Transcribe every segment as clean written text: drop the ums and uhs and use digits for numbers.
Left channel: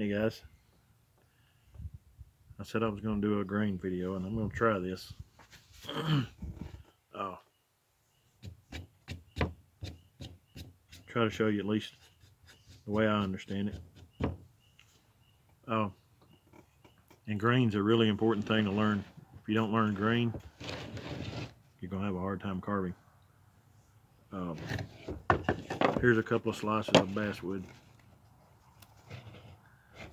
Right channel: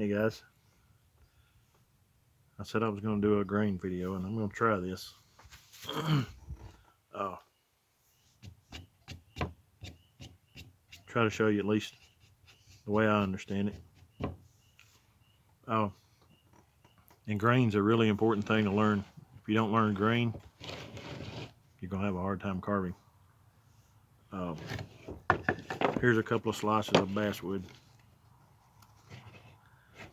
Hey guys, I said I was going to do a grain video and I'm going to try this. uh, try to show you at least the way I understand it. And grain's a really important thing to learn. If you don't learn grain, you're going to have a hard time carving. Here's a couple of slices of basswood.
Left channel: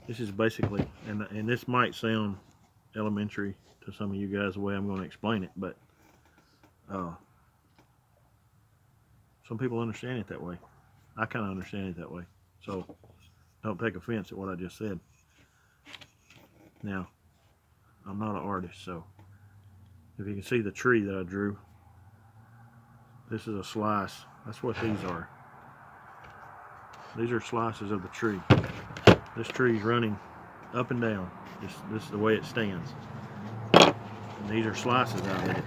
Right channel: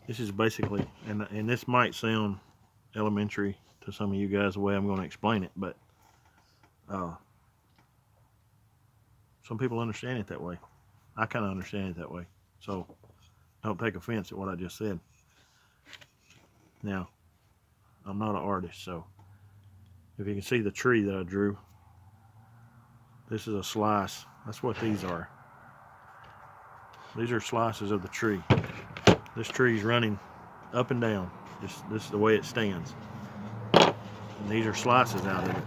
This is basically, and this might sound elementary to some of you guys the way I'm going to explain it, but some people understand it that way. I kind of understand it that way, so don't take offense at what I just said. Now, I'm not an artist, so if you can see the tree that I drew, this is a slice. That's what these are. These are slices of the tree. This tree is running up and down. This is the way it stands. And these are slices out of it.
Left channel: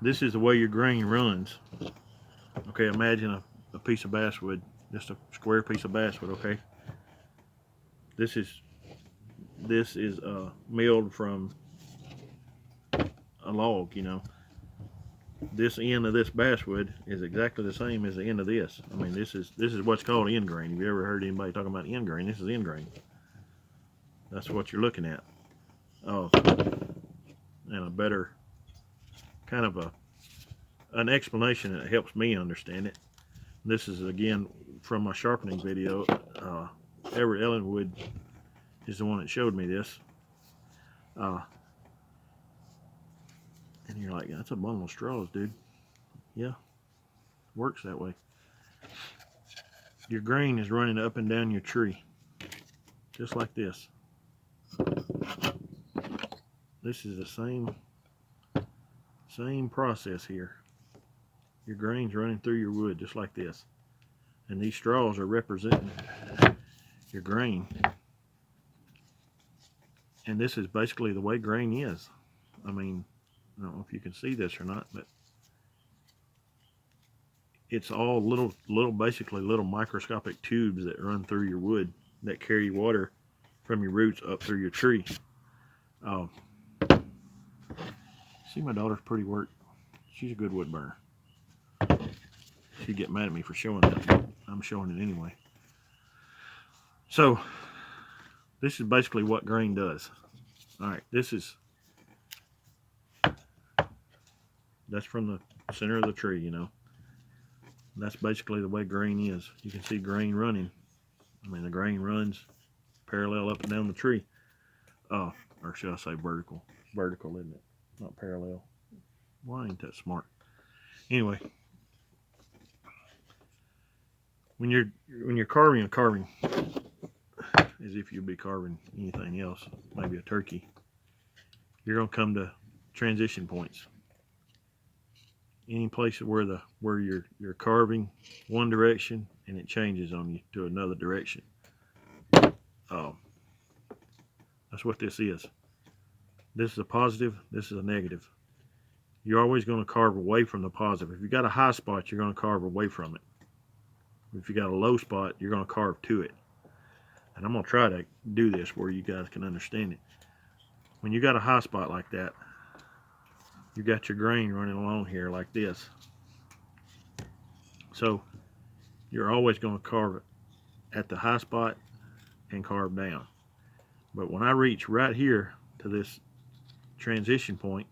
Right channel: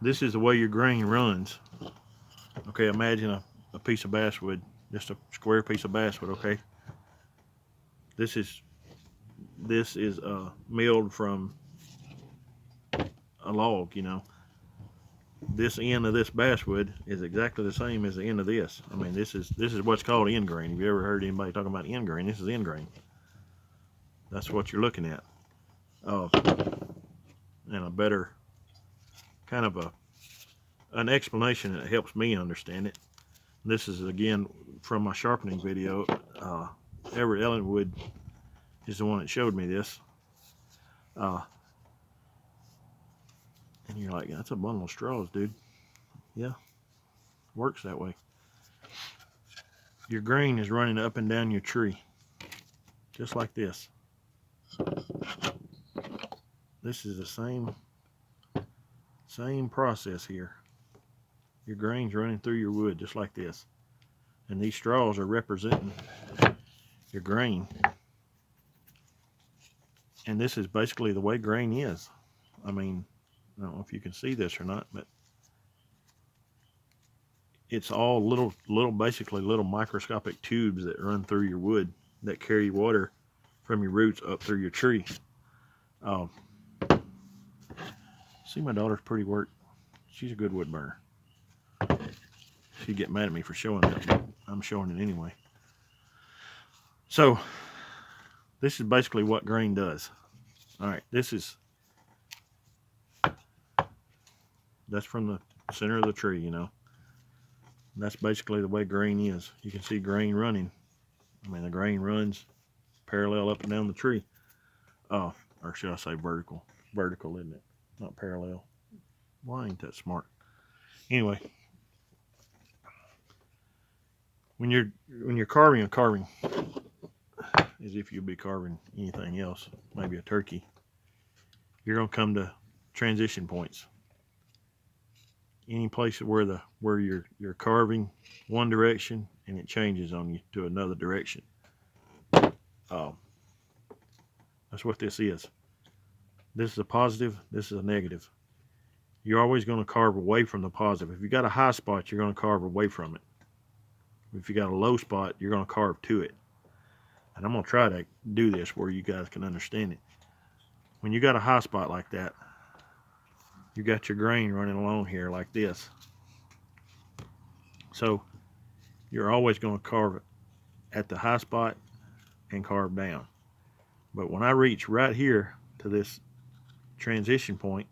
This is the way your grain runs. Okay, imagine a piece of basswood, just a square piece of basswood, okay? This is milled from a log, you know. This end of this basswood is exactly the same as the end of this. I mean, this is what's called end grain. Have you ever heard anybody talking about end grain? This is end grain. That's what you're looking at. And a better kind of an explanation that helps me understand it. This is again from my sharpening video. Everett Ellenwood is the one that showed me this. And you're like, that's a bundle of straws, dude. Yeah, works that way. Your grain is running up and down your tree, just like this. This is the same process here. Your grain's running through your wood, just like this. And these straws are representing your grain. And this is basically the way grain is. I mean, I don't know if you can see this or not, but it's all basically little microscopic tubes that run through your wood that carry water from your roots up through your tree. See, my daughter's pretty work. She's a good wood burner. She'd get mad at me for showing it, but I'm showing it anyway. So this is basically what grain does. All right, that's from the center of the tree, you know. That's basically the way grain is. You can see grain running. I mean, the grain runs parallel up and down the tree. Or should I say vertical? Vertical, isn't it? Not parallel. Well, I ain't that smart. Anyway, when you're carving as if you'd be carving anything else, maybe a turkey, you're gonna come to transition points. Any place where you're carving one direction and it changes on you to another direction. That's what this is. This is a positive, this is a negative. You're always going to carve away from the positive. If you got a high spot, you're going to carve away from it. If you got a low spot, you're going to carve to it. And I'm going to try to do this where you guys can understand it. When you got a high spot like that, you got your grain running along here like this. So you're always going to carve it at the high spot and carve down. But when I reach right here to this transition point,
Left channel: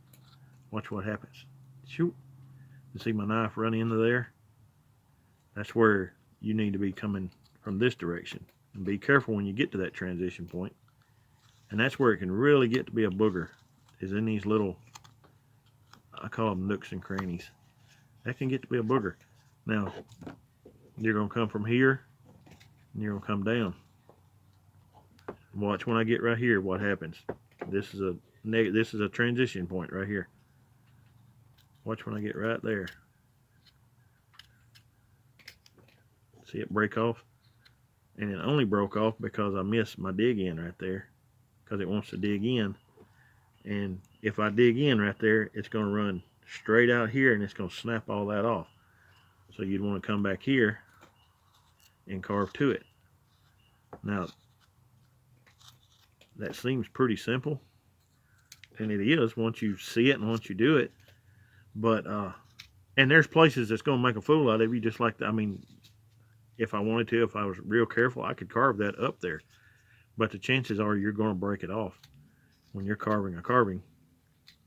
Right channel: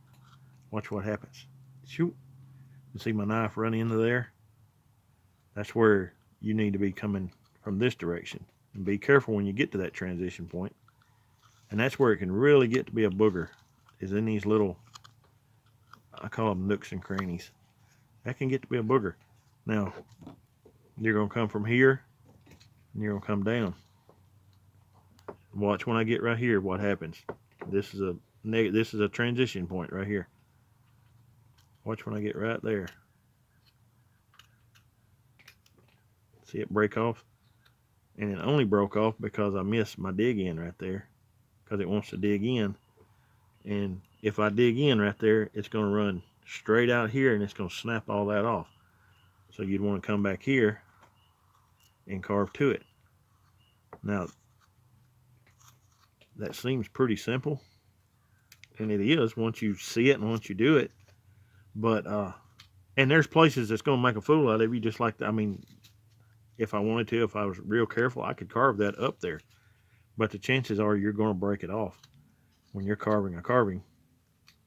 watch what happens. Shoot. You see my knife run into there? That's where you need to be coming from this direction. And be careful when you get to that transition point. And that's where it can really get to be a booger, is in these little, I call them nooks and crannies. That can get to be a booger. Now, you're going to come from here, and you're going to come down. Watch when I get right here what happens. This is a transition point right here. Watch when I get right there. See it break off? And it only broke off because I missed my dig in right there, because it wants to dig in. And if I dig in right there, it's going to run straight out here and it's going to snap all that off. So you'd want to come back here and carve to it. Now, that seems pretty simple, and it is once you see it and once you do it. But and there's places that's going to make a fool out of you, just like I mean, if I wanted to, if I was real careful, I could carve that up there. But the chances are you're going to break it off. When you're carving a carving,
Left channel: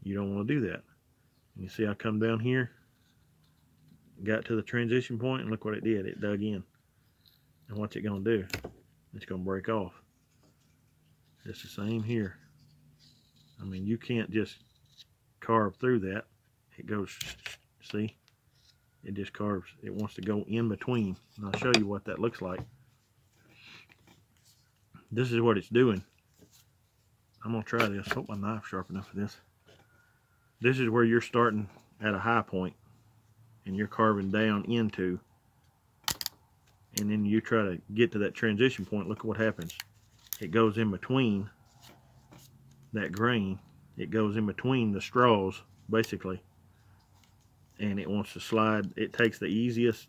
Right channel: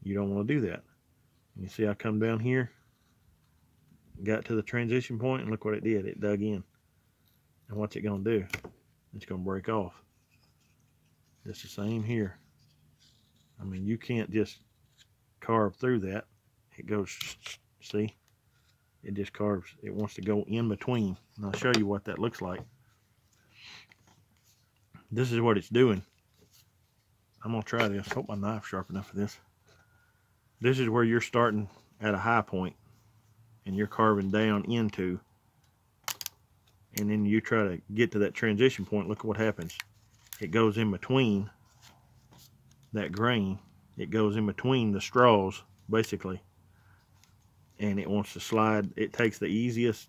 you don't want to do that. You see, I come down here, got to the transition point, and look what it did. It dug in. And what's it going to do? It's going to break off. It's the same here. I mean, you can't just carve through that. It goes, see? It just carves. It wants to go in between. And I'll show you what that looks like. This is what it's doing. I'm going to try this. Hope my knife's sharp enough for this. This is where you're starting at a high point and you're carving down into, and then you try to get to that transition point. Look at what happens. It goes in between that grain. It goes in between the straws, basically, and it wants to slide. It takes the easiest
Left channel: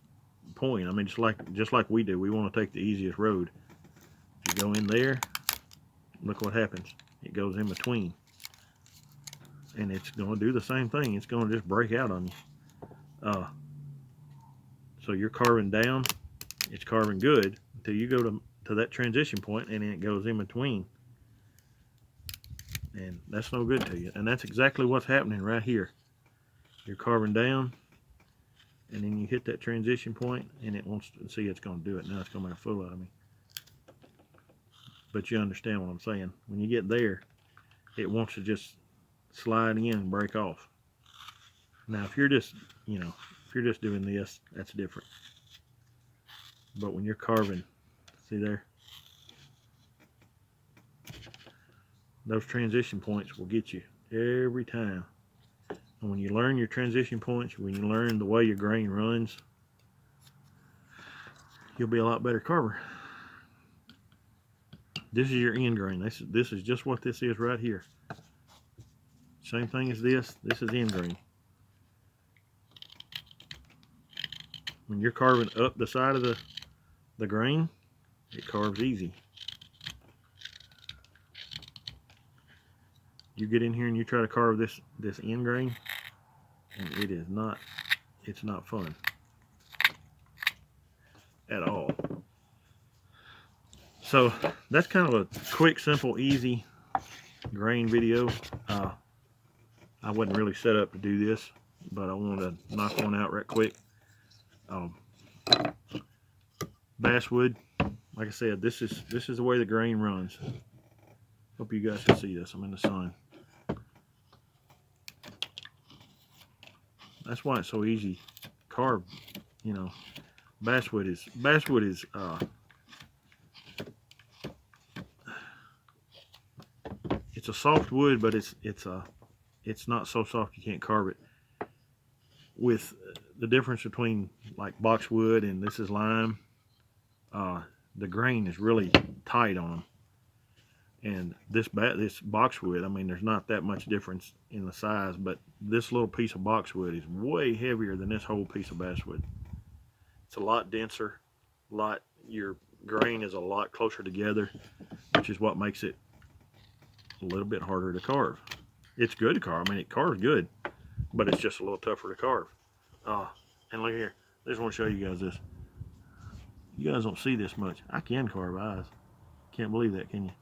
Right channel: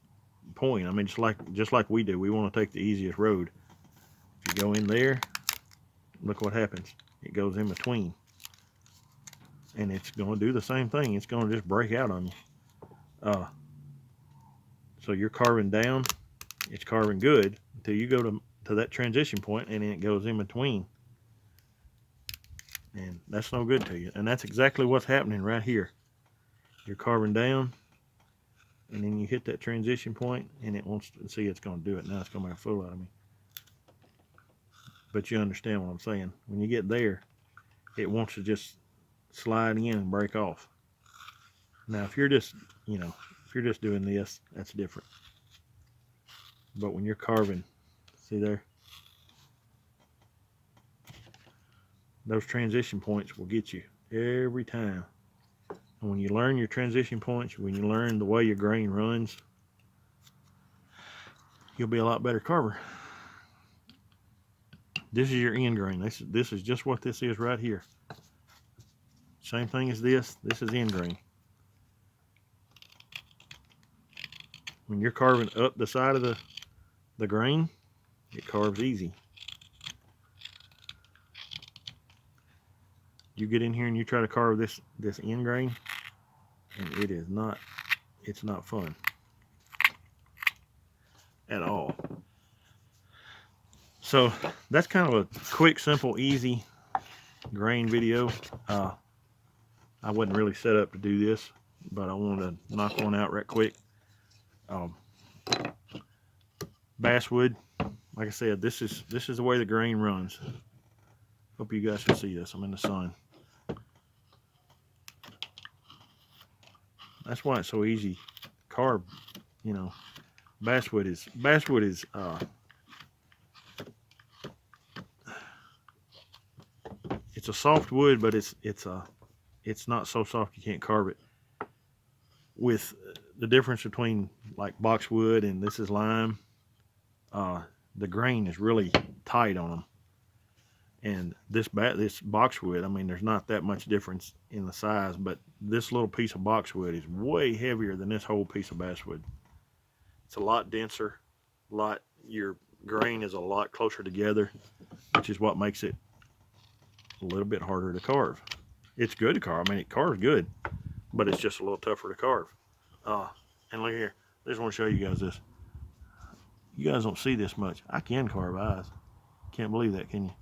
point. I mean, just like we do. We want to take the easiest road. If you go in there, look what happens. It goes in between, and it's going to do the same thing. It's going to just break out on you. So you're carving down. It's carving good until you go to that transition point, and then it goes in between, and that's no good to you. And that's exactly what's happening right here. You're carving down, and then you hit that transition point, and it wants to see. It's going to do it now. It's going to make a fool out of me. But you understand what I'm saying. When you get there, it wants to just slide in and break off. Now, if you're just, if you're just doing this, that's different. But when you're carving, see there? Those transition points will get you every time. And when you learn your transition points, when you learn the way your grain runs, you'll be a lot better carver. This is your end grain. This is just what this is right here. Same thing as this. This is end grain. When you're carving up the side of the grain, it carves easy. You get in here and you try to carve this end grain, and it's not fun at all. So that's kind of a quick, simple, easy grain video. I wasn't really set up to do this, but I wanted to knock one out right quick. Basswood, like I said, this is the way the grain runs. Hope you guys can see this. I'm in the sun. That's why it's so easy to carve. Basswood is it's a soft wood, but it's not so soft you can't carve it. With the difference between like boxwood and this is lime, the grain is really tight on them. And this boxwood, I mean, there's not that much difference in the size, but this little piece of boxwood is way heavier than this whole piece of basswood. It's a lot denser, your grain is a lot closer together, which is what makes it a little bit harder to carve. It's good to carve. I mean, it carves good, but it's just a little tougher to carve. And look here. I just want to show you guys this. You guys don't see this much. I can carve eyes. Can't believe that, can you?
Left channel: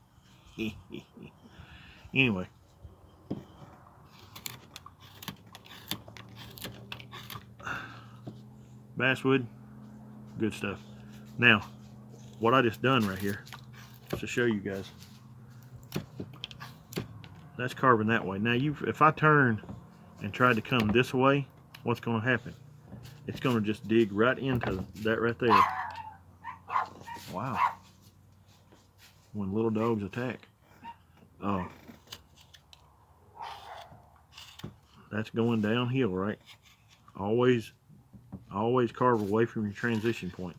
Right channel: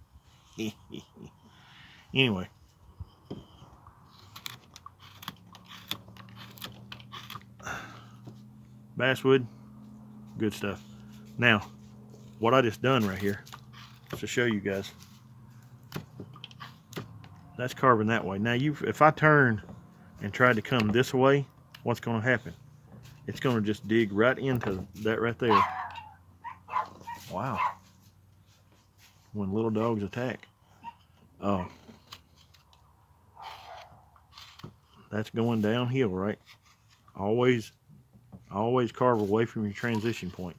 Anyway. Basswood, good stuff. Now, what I just done right here is to show you guys. That's carving that way. Now, if I turn and tried to come this way, what's going to happen? It's going to just dig right into that right there. Wow. When little dogs attack. That's going downhill, right? Always carve away from your transition point.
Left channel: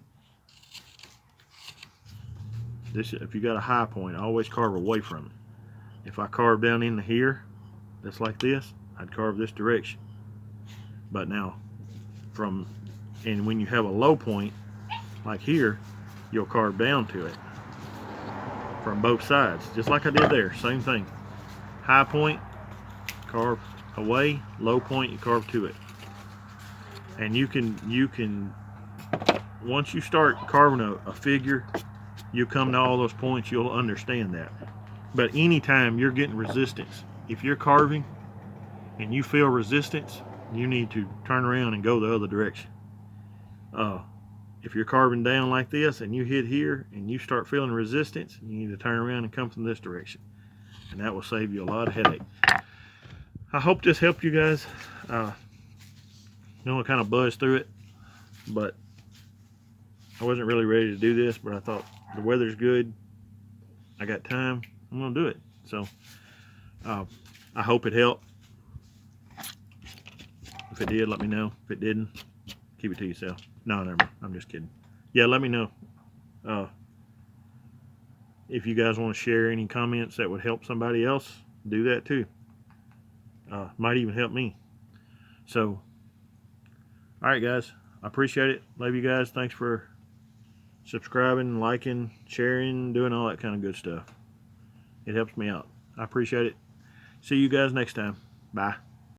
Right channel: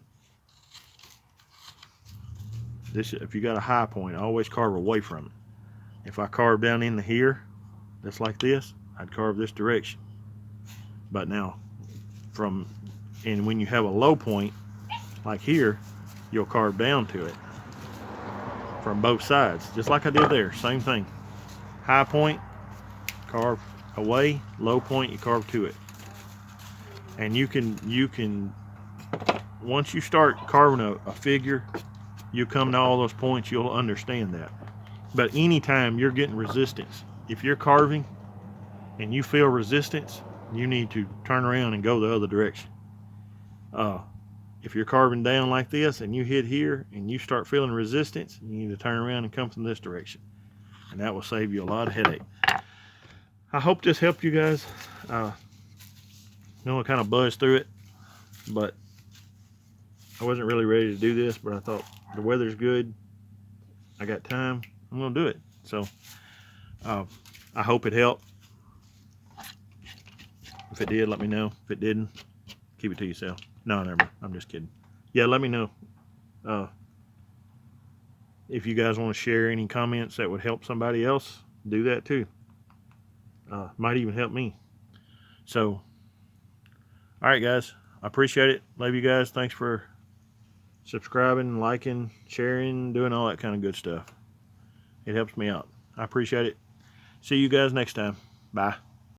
If you got a high point, always carve away from it. If I carve down into here, just like this, I'd carve this direction. But now, and when you have a low point, like here, you'll carve down to it. from both sides, just like I did there. Same thing. High point, carve away. Low point, you carve to it. And you can once you start carving a figure, you come to all those points, you'll understand that. But anytime you're getting resistance, if you're carving and you feel resistance, you need to turn around and go the other direction. If you're carving down like this and you hit here and you start feeling resistance, you need to turn around and come from this direction. And that will save you a lot of headache. I hope this helped you guys. I know I kind of buzzed through it, but I wasn't really ready to do this, but I thought the weather's good. I got time. I'm going to do it. So I hope it helped. If it did, let me know. If it didn't, keep it to yourself. No, never mind. I'm just kidding. Yeah, let me know. If you guys want to share any comments that would help somebody else, do that too. Might even help me. So, all right, guys. I appreciate it. Love you guys. Thanks for subscribing, liking, sharing, doing all that kind of good stuff. It helps me out. I appreciate it. See you guys next time. Bye.